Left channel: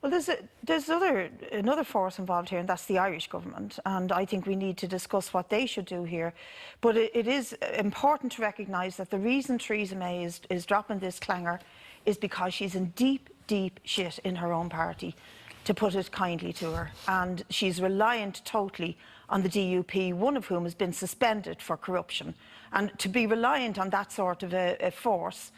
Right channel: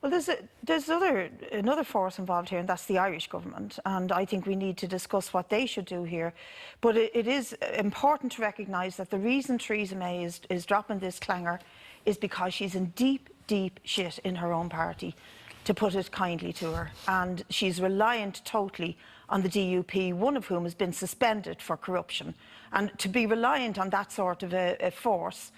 Well, there's another force involved here, and that's the Irish government. And I think we need to discuss what they should do here. But it is important to recognise that the reason Theresa May is dropping this clanger is because she's in deep, deep shit in her own party, to put it kindly to her. And she's reliant totally on the DUP, one of whom has been suspended for corruption. And to be reliant on that sort of a force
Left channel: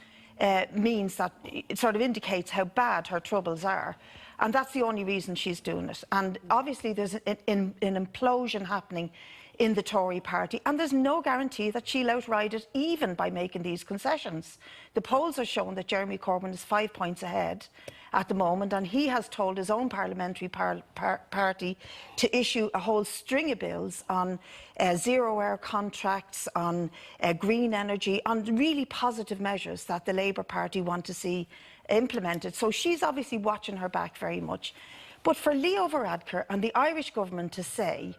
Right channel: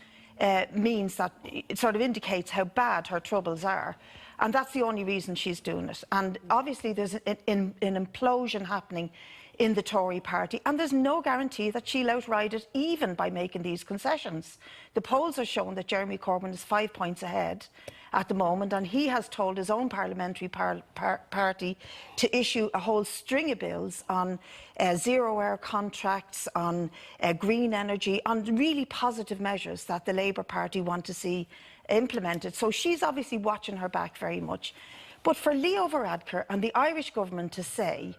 means that it sort of indicates how bad her troubles are. And that's the only reason she's doing it. And obviously there's an implosion happening in the Tory party, and there's no guarantee that she'll outride it even by making these concessions. The polls are showing that Jeremy Corbyn is 5 points ahead at the moment, and he has told his own parliamentary party to issue a whole string of bills on zero-hour contracts, on green energy, on really positive measures that the Labour Party want to see implemented. So she's obviously watching her back very much. But for Leo Varadkar and the Irish government to say,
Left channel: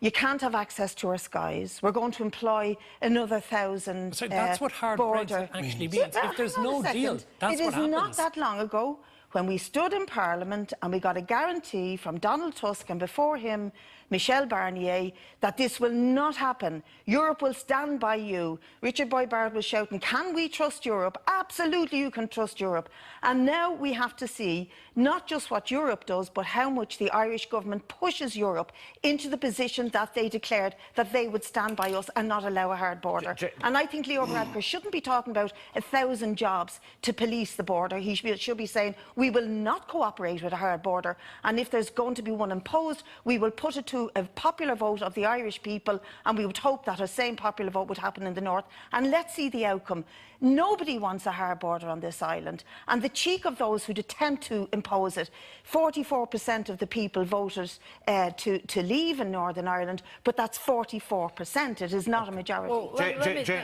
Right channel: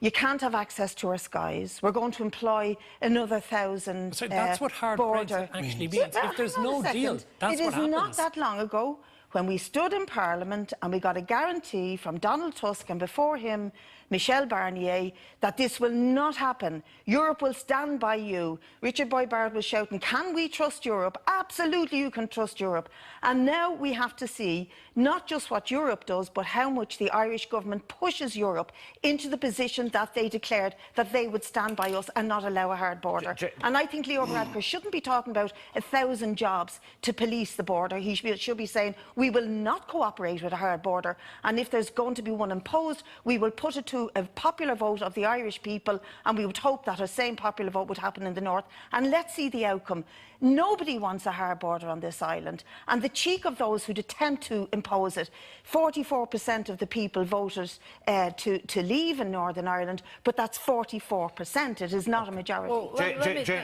you can't have access to our skies, we're going to employ another 1,000 So that's what hard border Brexit actually means. So, if there's no deal, that's what happens. It is not that long ago when we stood in Parliament and we got a guarantee from Donald Tusk and before him Michel Barnier that this will not happen. Europe will stand by you. Richard Boyd Barrett was shouting, can we trust Europe? Absolutely you can trust Europe. And now we have to see not just what Europe does, but how much the Irish government pushes Europe into the position that they declared that they would stand by us and not allow a hard border. And I think Leo Varadkar shouldn't be talking about 1,000 jobs to police the border. He should be saying, we will not cooperate with a hard border. And if there's going to be one imposed, we will put it to a popular vote of the Irish people, and we would hope that a same popular vote would happen in the north. And let's see the outcome. Nobody wants a hard border on this island, and the cheek of those who'd attempt to impose it. 44% of the people voted to leave in Northern Ireland, but that's 44%. It is not a majority.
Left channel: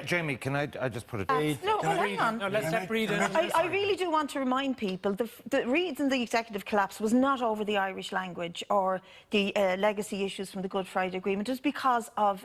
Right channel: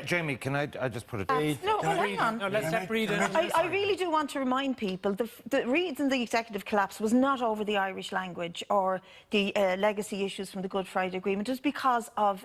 Jamie, can I just put it? No, hang on. No, let's let Brid in. I really do want to remind people the reason the executive collapse was not over the Irish language or the legacy issues from the Good Friday Agreement. It was because of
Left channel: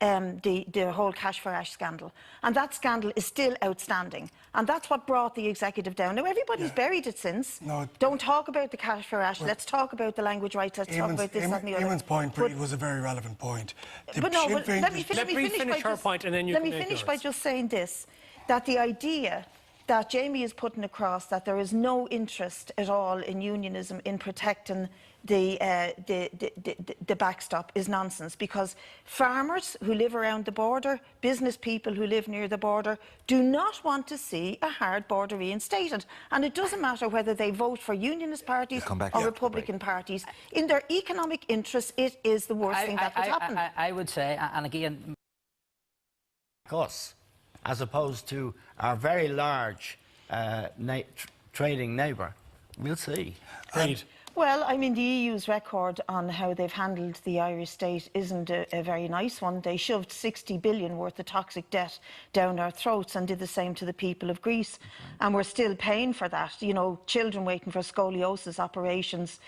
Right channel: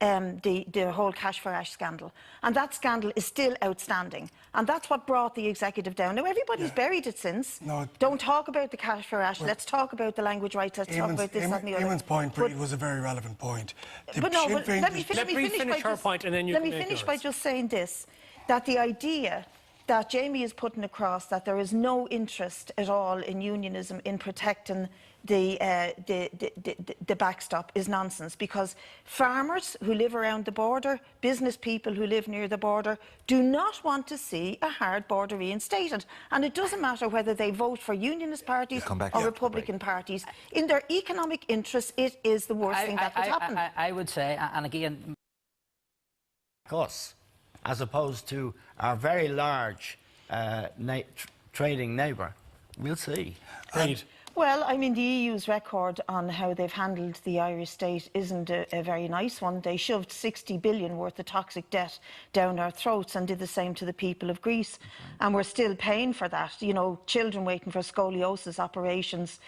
the whole cash for ash scandal, and that scandal is still outstanding, and that's what brought the executive down. Now everybody's buried it since. No, don't talk about the cash for ash. Let's talk about the language rights. Let's talk about this and the other. Eamon's point was a very relevant point. Let me finish her point, and then you let me finish by just saying this: that the idea that Jamie is putting across that there is no interest at all in unionism in protecting the backstop is nonsense, because farmers who live around the border, business people who live near the border, do not want to see a hard border reinstated. And it doesn't matter whether they vote for unionist parties or Republican parties. In their economic interests, it is the worst thing that could happen. I would say, and again, us, as opposed to our very large trading neighbour, we'll see. Well, I mean, the EU's record on how they've handled the Irish state isn't a very nice one. They shoved 60 billion worth of toxic debt down our throats and did the same to the people of Greece. And we're still paying for that. You know, children waiting for scoliosis operations,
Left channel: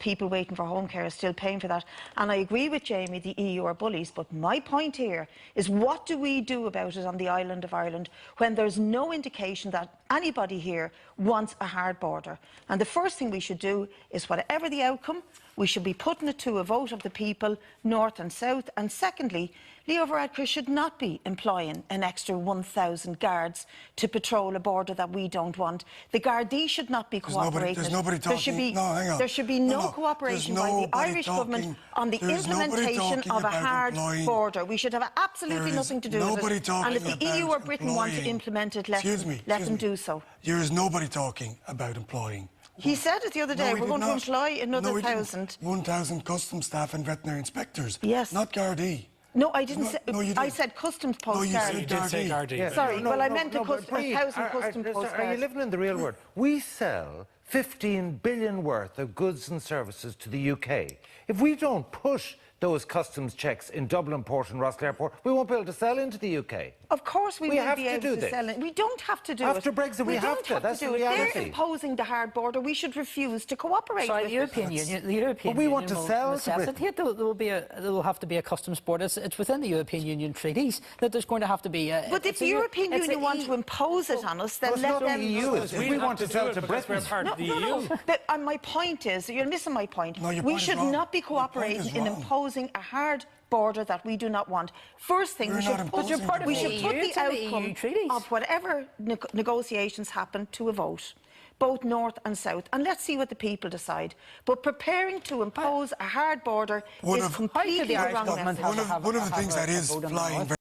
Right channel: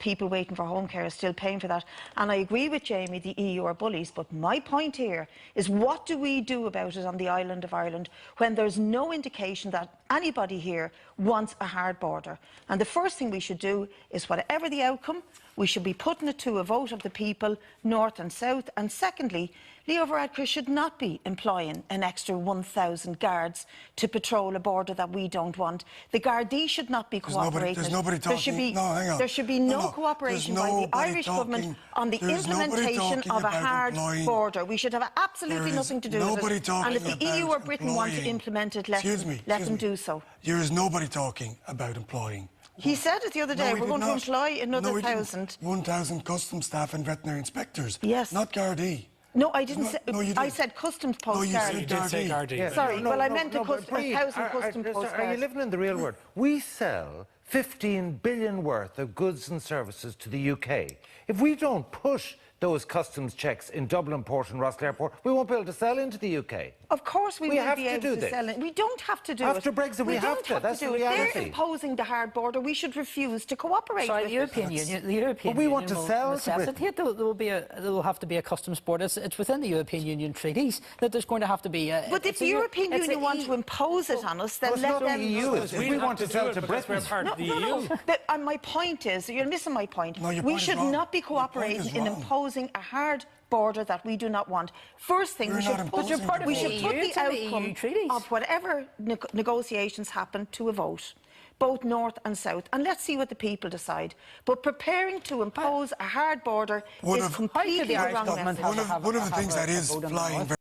people waiting for home care are still paying for that. And I agree with Jamie, the EU are bullies. But my point here is, what do we do about it on the island of Ireland when there's no indication that anybody here wants a hard border? And the first thing we should do is, whatever the outcome, we should be putting it to a vote of the people, north and south. And secondly, Leo Varadkar should not be employing an extra 1,000 guards to patrol a border that we don't want. The Gardaí should not be cooperating. There should be no cooperation by the Irish government on the implementation of a hard border. We should have absolutely nothing to do with it. And if the EU or Britain want to implement it, let them do so. There is nobody talking about employing. He said it the other day, we're going to employ another 1,000. 1,000 customs staff and veterinary inspectors. Yes. Not Gardaí. No, I didn't say. I said customs post. No, you said Gardaí. Yeah. Sorry, well, I meant 1,000 customs post. Are you living in the real world? We sell 15 billion worth of goods and services to the UK. If we don't push those customs checks in Dublin Port and Rossall Airport, we won't be able to sell into the UK. Of course we will have be to able do to this. sell it. We don't have to do it. After Brexit, we have to. That's the do it. reality. They're imposing the hard border. We should refuse to cooperate Sorry, with the European Union. The European we Union want to will sell to necessitate there will have to be a customs border. It's within the European Union treaties that there's going to have to be. But if the European Union want to impose it on us, then It's let not them. the EU. It's We we have want to do sell it to because we're Britain. part of the EU. And my point is, you're missing my point. No, your We point is should wrong. not be Your point cooperating is in wrong. imposing a hard border that we do not want. First thing, We're we not should put, imposing the we border. should put EU the to the EU outcome treaties. of whatever negotiations happen to a vote, both north and south, and let's see what the people decide. But preparing to impose a hard border One is of- completely How could the wrong. Irish government message. One of the things that is vote on the flying north? very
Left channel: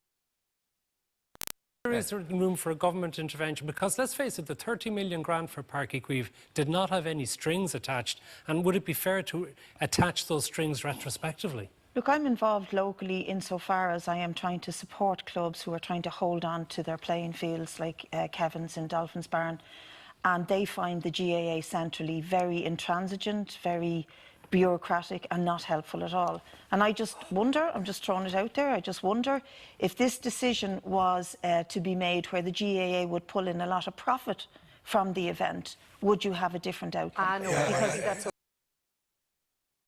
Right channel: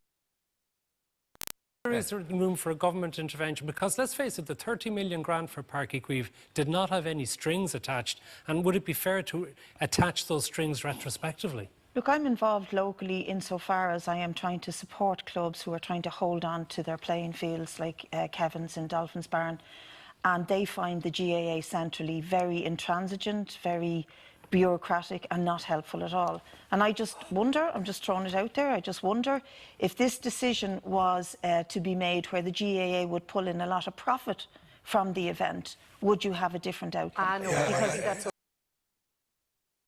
There is room for a government intervention because, let's face it, the 30 million grant for Páirc Uí Chaoimh did not have any strings attached. And would it be fair to attach those strings retrospectively? Look, I'm involved locally insofar as I am trying to support clubs who are trying to hold on to their playing fields, like Kevin's in Dolphins Barn, and they find the GAA centrally very intransigent, very bureaucratic and not helpful at all. And I just wonder, I'm just throwing it out there, I just wonder if this decision was to be made where the GAA would pull in a lot of profit from the event, would you have a different outcome? No, because that's